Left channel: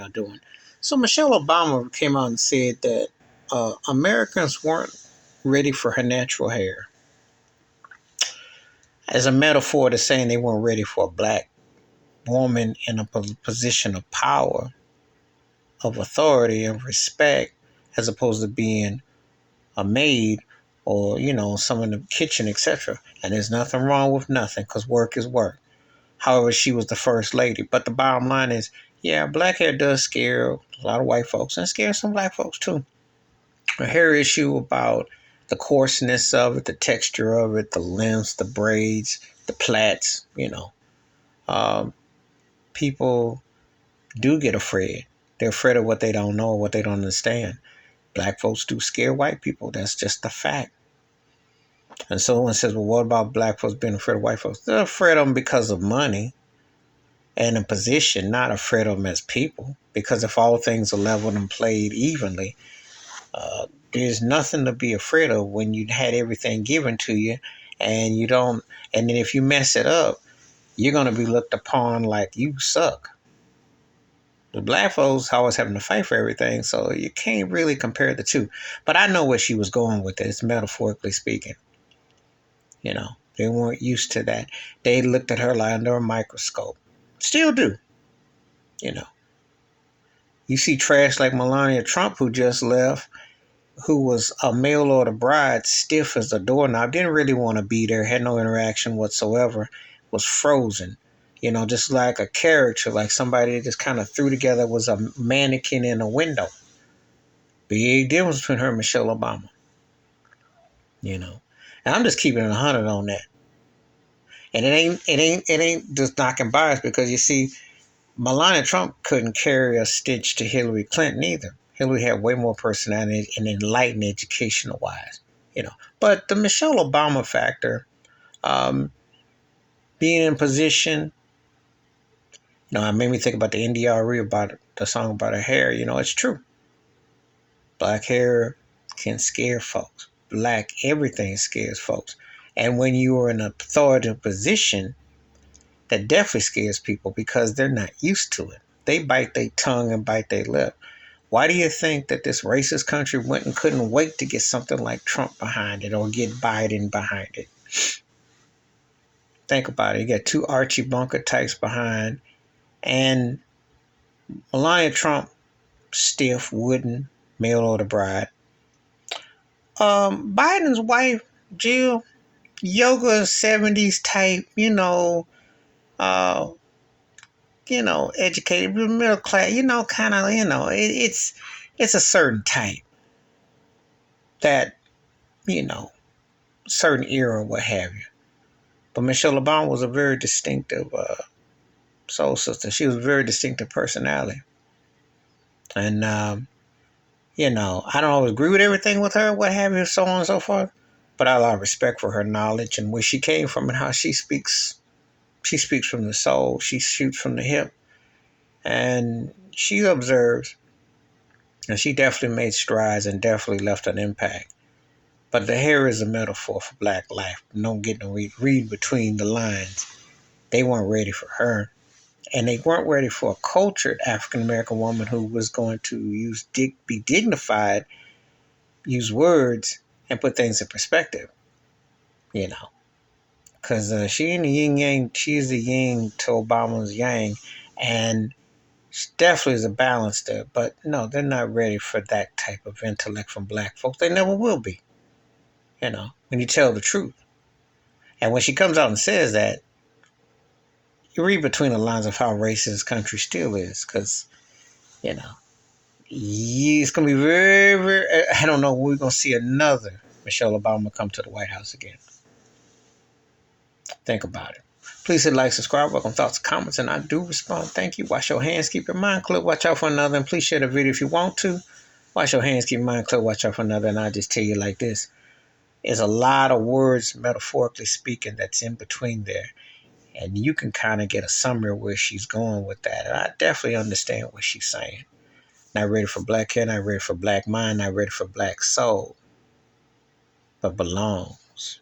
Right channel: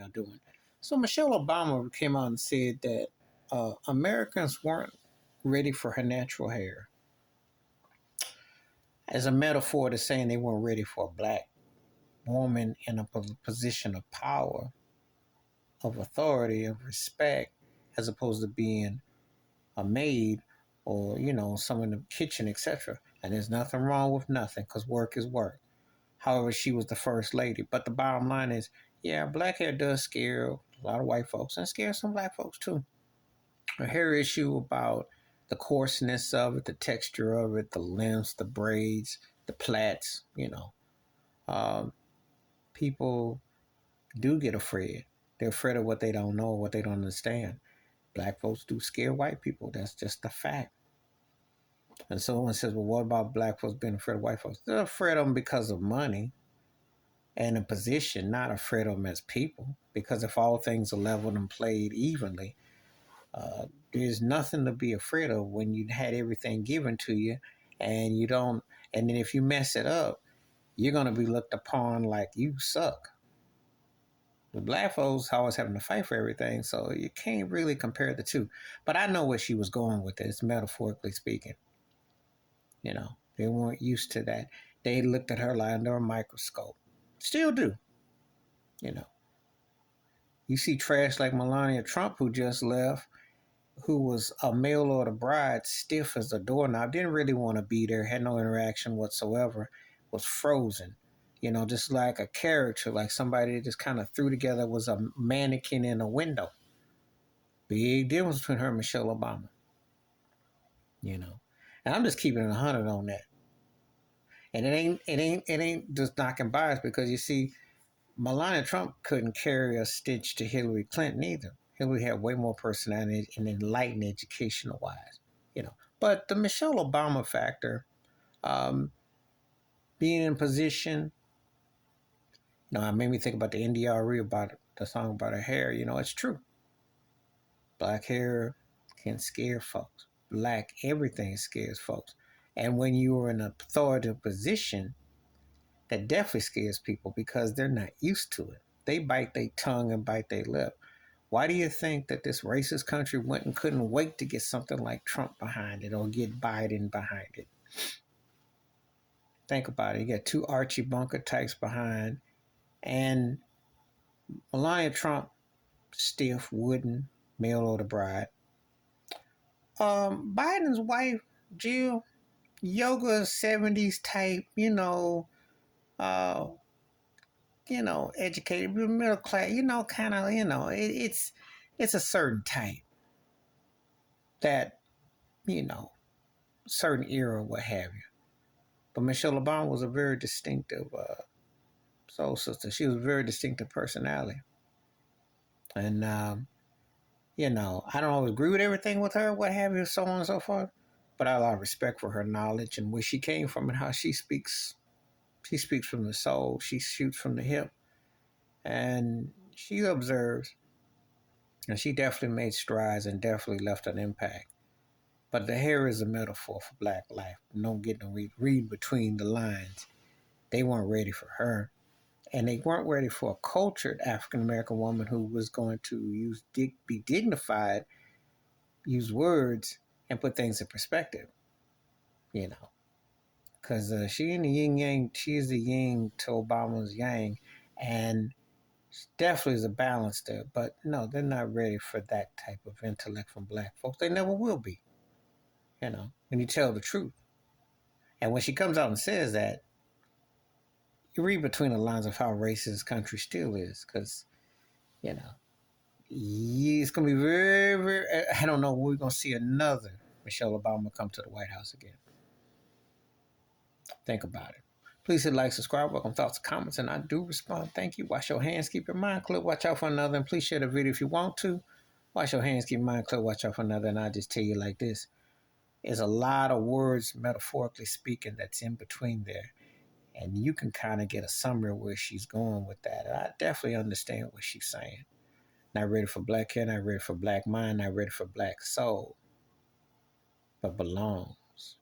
y'all doing? So Michelle Obama came out and said that Americans weren't ready for her natural hair as a metaphor to saying they weren't ready for a black woman in a position of power, of authority, of respect, as opposed to being a maid or, some in the kitchen, etc. And there's nothing wrong with nothing because work is work. However, she was the first lady. But the bottom line is, yeah, black hair does scare a lot of white folks and scare some black folks too. A hair issue about the coarseness of it, the texture of it, the lengths, the braids, the plaits, people do get afraid. They're afraid of what they don't know, what they don't understand. Black folks do scare white people. That's just a fact. And someone says, well, what about black folks being afraid of white folks? They're afraid of them because of money and a position, not afraid of them as people. Because if all things are leveled and played evenly, there's nothing to be afraid of when you had everything given to you and you don't. And then if you mess it up, you're going to be looked upon like you suck. The black folks always having to fight for everything, so you can't really compare the two. But I know where she was going with this, metaphorically speaking. They weren't used to that. They looked at her like under a microscope. Still do. You know. You see trash like Melania Trump, who just left, who was a mail order bride, stiff as a doorknob, didn't really want to be there, had no interaction whatsoever, was frozen. Just like a character, like somebody just kind of threw together, was a mannequin in a window. Big difference between her and Michelle Obama. And I'm just keeping it 100 on that. And it ain't just knocking bias because you see, Melania Trump couldn't carry a stitch to Hillary Clinton either. Hillary had way more personality and enlightened educational wise, But the Michelle Obama factor, being in position, it made me think about the NDRE about the song about her hair. It's true. Black hair can scare folks. Black everything scares folks. And when you are in an authoritative position, that definitely scares people because they're not used to it. They bite their tongue and bite their lip. Why do you think that this racist country went and couldn't wait to get something like Trump behind it or get Biden behind it? Think about it. You got two Archie Bunker types behind, and Melania Trump, stiff, wooden, mail order bride. Biden's wife, Jill, yoga 70s type, educated, middle class, kind of, it's a certain type that, certain era, what have you. But Michelle Obama was a very distinctive soul sister. She was a very distinctive personality. And, I don't always agree with everything with her, what have you, so on and so forth. But I have a lot of respect for her knowledge and where she came from and how she speaks. She speaks from the soul. She shoots from the hip. And she observes. And she definitely made strides and definitely left an impact. But the hair is a metaphor for black life. Don't get no read between the lines. They weren't ready for her. And they weren't ready for a cultured African-American woman who was going to be dignified, use words, and put things in perspective. Because she ain't the yin-yang. She's the yin to Obama's yang. And she definitely is a balance there. But no, they're not ready for that type of intellect from black folks. They never will be. When you tell the truth. And when she comes out and says that, you read between the lines of how racist this country still is. Because, it's going to be very, very... I don't know when we're going to see another Michelle Obama come to the White House again. Think about it. Please hit like, subscribe, welcome thoughts, comments, and I do respond. Thank you. Wash your hands, keep your mind clear, watch out for another, and please share the video if you want to. Wash your hands, keep your mind clear, watch out for another, and I just tell you like this. There's a lot of words, metaphorically speaking, that's in between there. And you can kind of get a summary of where she's going with that. And I definitely understand what she's saying. Not ready for black hair, not ready for black mind, not ready for black soul, but belongs.